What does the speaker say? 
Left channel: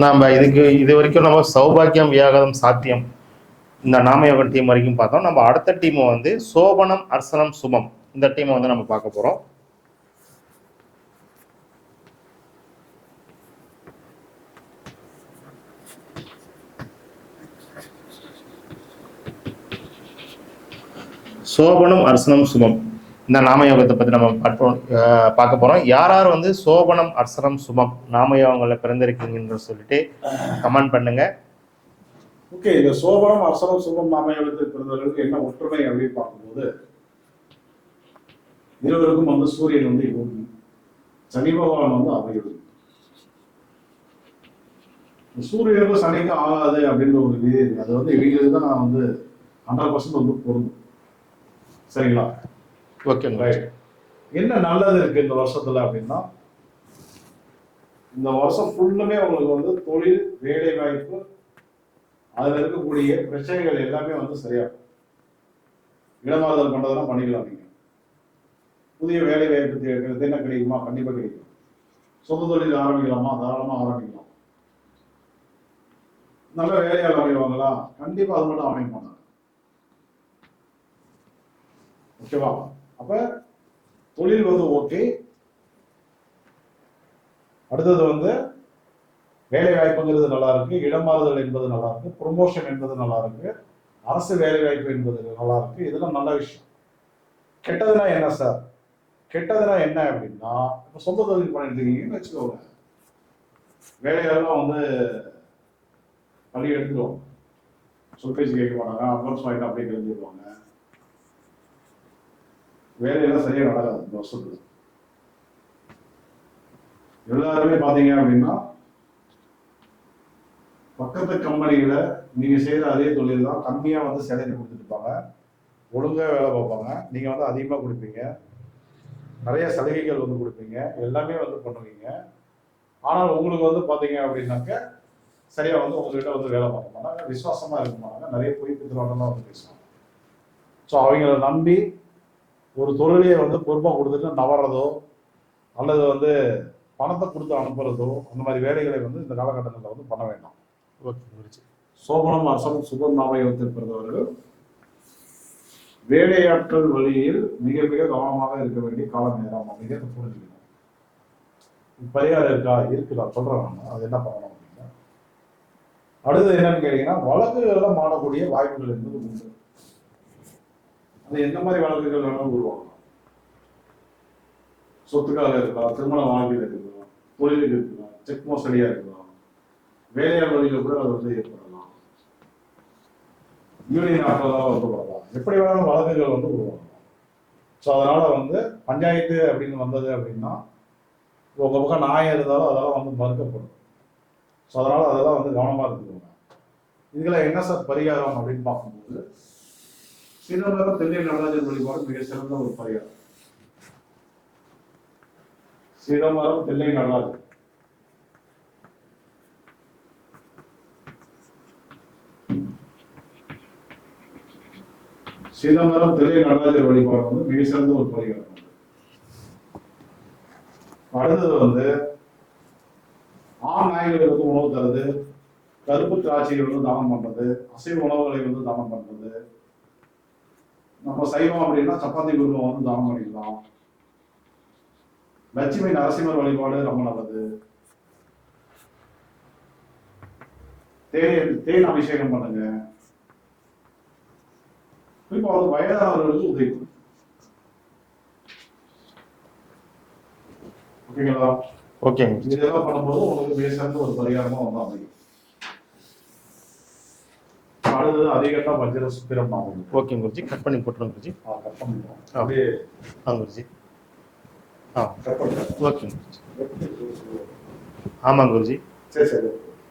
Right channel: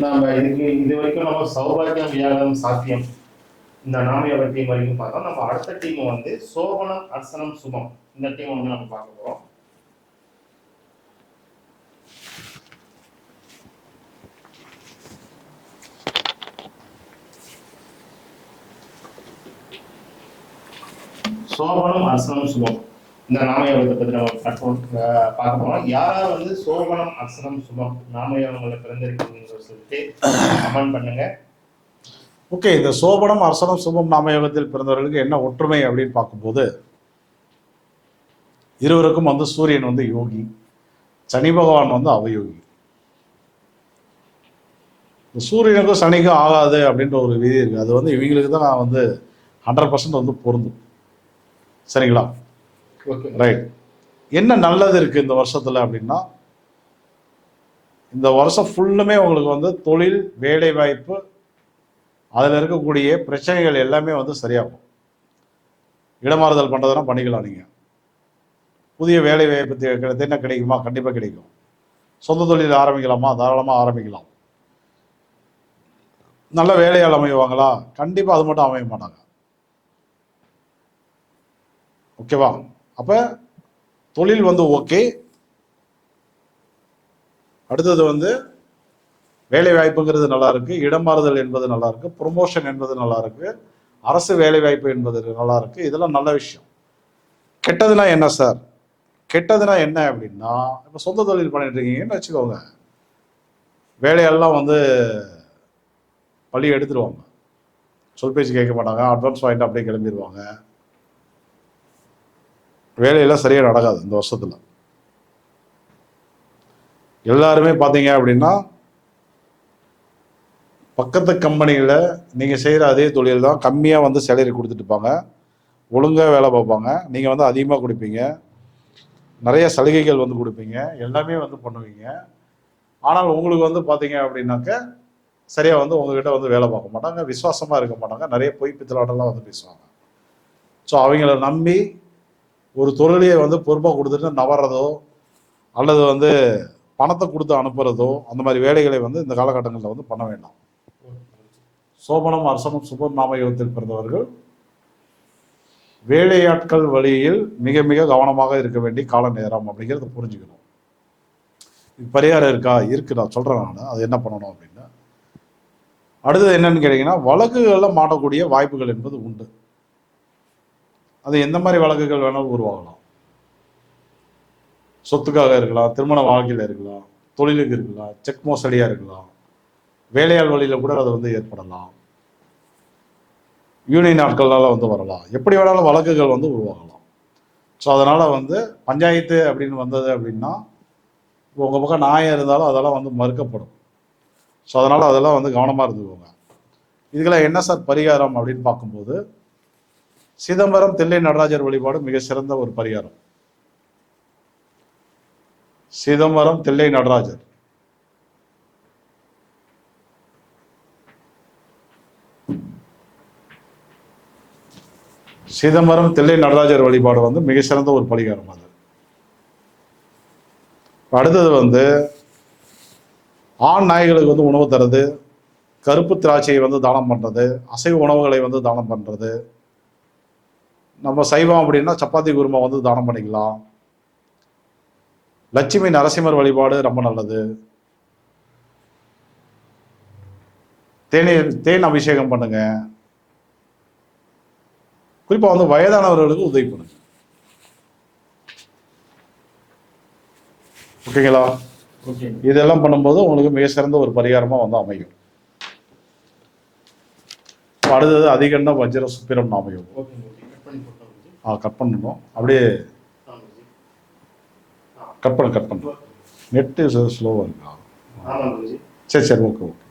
நாம் இதுக்கு இது வரைக்கும் நம்ம சௌபாக்கியம் வியாகதம் சாத்தியம் இந்த நாமயோகம் டீம் வரைக்கும் பார்த்தோம். நம்ம அடுத்த டீமை வந்து சோபனம் அர்சனம் சுமம். இந்த டீமை வந்து நம்ம பார்க்க போகிறோம் சோபனம் அர்சனம் சுமம். இந்த நாமயோகத்தை பத்தி நம்ம பார்க்க போறோம். யார் யார் வந்து சோபனம் அர்சனம் சுபம் நாமயோகங்களை பிறந்திருக்கீங்கன்னு சொல்லிட்டு கமெண்ட் பண்ணுங்க. ஓகே இந்த சோபனம் அர்சனம் சுபம் நாமயோகத்தில் பிறந்தவர்களுக்கு என்ன ஒற்றுமை அப்படின்னு பார்க்கும்போது இருவருக்கும் வந்து சூரியன் வந்து யோகி சனி பகவான் வந்து அவயோகி. இந்த சூரியனுக்கும் சனிக்கும் ஆகாது அப்படின்ற ஒரு விதி இருக்கு. அது வந்து இவங்களுக்கு தான் நான் வந்து ஹண்ட்ரட் பர்சன்ட் வந்து பொருந்தும். சரிங்களா? ஓகே ரைட் என்ன நல்லது இருக்கு இந்த வருஷத்துல அப்படின்னா இந்த வருஷம் ஃபுல்லுமே உங்களுக்கு வந்து தொழில் வேலை வாய்ப்பு அதில் இருக்கக்கூடிய பிரச்சனைகள் எல்லாமே வந்து சரியாகும். இடமாறுதல் பண்ணுறதுனா பண்ணிக்கலாம் நீங்கள் புதிய வேலை வாய்ப்பு என்ன கிடைக்குமா? கண்டிப்பாக கிடைக்கும். சொந்த தொழில் ஆரம்பிக்கலாமா? தாராளமாக ஆரம்பிக்கலாம். நல்ல வேலையால் அமைவாங்களா? கண்டிப்பாக அது மட்டும் அமைய மாட்டாங்க. ஓகேவா அப்போ தொழில் வந்து ஓகே. அடுத்தது வந்து வேலை வாய்ப்புங்கிறது நல்லா இருக்கு இடம் மாறுதல் என்பது நல்லா இருக்கு ப்ரொமோஷன் என்பது நல்லா இருக்கு அரசு வேலை வாய்ப்பு என்பது நல்லா இருக்கு இதெல்லாம் நல்ல விஷயம். கெட்டதுனா என்ன சார்? கெட்டதுனா என்ன அப்படின்னா இப்போ சொந்த தொழில் பண்ணிட்டு இருக்கீங்கன்னு வச்சுக்கோங்க. வேலையெல்லாம் வந்து பள்ளி எடுத்துருவாங்க. சொல் பேச்சு கேட்க மாட்டாங்க அட்வான்ஸ் வாங்கிட்டு அப்படியே கிளம்பிடுவாங்க வேலையெல்லாம் சரியாக நடக்காது இந்த வருஷத்தில். எல்லாருமே பார்த்தீங்க அப்படின்னா பக்கத்து கம்பெனியில் நீங்கள் செய்கிற அதே தொழில் தான் கம்மியாக வந்து சேலரி கொடுத்துட்டுப்பாங்க ஒழுங்காக வேலை பார்ப்பாங்க. நீங்கள் வந்து அதிகமாக கொடுப்பீங்க. நிறைய சலுகைகள் வந்து கொடுப்பீங்க. எல்லாமே வந்து பண்ணுவீங்க. ஆனால் உங்களுக்கு வந்து பார்த்தீங்க அப்படின்னாக்க சரியாக வந்து உங்ககிட்ட வந்து வேலை பார்க்க மாட்டாங்க. விசுவாசமாக இருக்க மாட்டாங்க. நிறைய பொய் பித்தலாட்டெல்லாம் வந்து பேசுவாங்க. ஸோ அவங்கள நம்பி ஒரு தொழிலையை வந்து பொறுப்பாக கொடுத்துட்டு நவறதோ அல்லது வந்து பணத்தை கொடுத்து அனுப்புறதோ அந்த மாதிரி வேலைகளை வந்து இந்த காலகட்டங்களில் வந்து பண்ண வேண்டாம். சோபனம் அரசனம் சுபம் நாமயோகத்தில் பிறந்தவர்கள் வேலையாட்கள் வழியில் மிக மிக கவனமாக இருக்க வேண்டிய கால நேரம் அப்படிங்கிறத புரிஞ்சுக்கணும். பரிகாரம் இருக்கா? இருக்கு நான் சொல்றேன் நான். அது என்ன பண்ணணும் அப்படின்னு அடுத்தது என்னன்னு கேட்டீங்கன்னா வழக்குகளில் மாட்டக்கூடிய வாய்ப்புகள் என்பது உண்டு. அது எந்த மாதிரி வழக்குகள் வேணாலும் உருவாகலாம். சொத்துக்காக இருக்கலாம் திருமண வாழ்க்கையில் இருக்கலாம் தொழிலுக்கு இருக்கலாம் செக் மோசடியாக இருக்கலாம் வேலையாள் வழியில் கூட அது வந்து ஏற்படலாம். யூனியன் நாட்களால் வந்து வரலாம். எப்படி வேணாலும் வழக்குகள் வந்து உருவாகலாம். ஸோ அதனால் வந்து பஞ்சாயத்து அப்படின்னு வந்தது அப்படின்னா உங்கள் பக்கம் நாயம் இருந்தாலும் அதெல்லாம் வந்து மறுக்கப்படும். ஸோ அதனால் அதெல்லாம் வந்து கவனமாக இருந்துக்கோங்க. இதுக்கெல்லாம் என்ன சார் பரிகாரம் அப்படின்னு பார்க்கும்போது சிதம்பரம் தில்லை நடராஜர் வழிபாடு மிக சிறந்த ஒரு பரிகாரம். சிதம்பரம் தில்லை நடராஜர். சிதம்பரம் தில்லை நடராஜர் வழிபாடு வந்து மிக சிறந்த ஒரு பரிகாரம் அது. அடுத்தது வந்து ஆண் நாய்களுக்கு வந்து உணவு தரது கருப்பு திராட்சையை வந்து தானம் பண்றது அசைவ உணவுகளை வந்து தானம் பண்றது நம்ம சைவம் அப்படின்னா சப்பாத்தி குருமா வந்து தானம் பண்ணிக்கலாம். லட்சுமி நரசிம்மர் வழிபாடு ரொம்ப நல்லது. தேனி தேன் அபிஷேகம் பண்ணுங்க. குறிப்பா வந்து வயதானவர்களுக்கு உதவி பண்ணுங்க. ஓகேங்களா? ஓகேங்க. இதெல்லாம் பண்ணும்போது உங்களுக்கு மிக சிறந்த ஒரு பரிகாரமா வந்து அமையும். அடுத்தது அதிகண்டம் வஜ்ர சுப்பிரம் அமையும் ஓகே குருஜி கட் பண்ணி போட்டுருங்க குருஜி ஆ கட் பண்ணணும் அப்படியே ஆ குருஜி ஆ. கட் பண்ணு கட் பண்ணு. ஓகே நெட்டு ஸ்லோவாக இருக்கு. ஆமாங்க குருஜி சரி சரி ஓகே ஓகே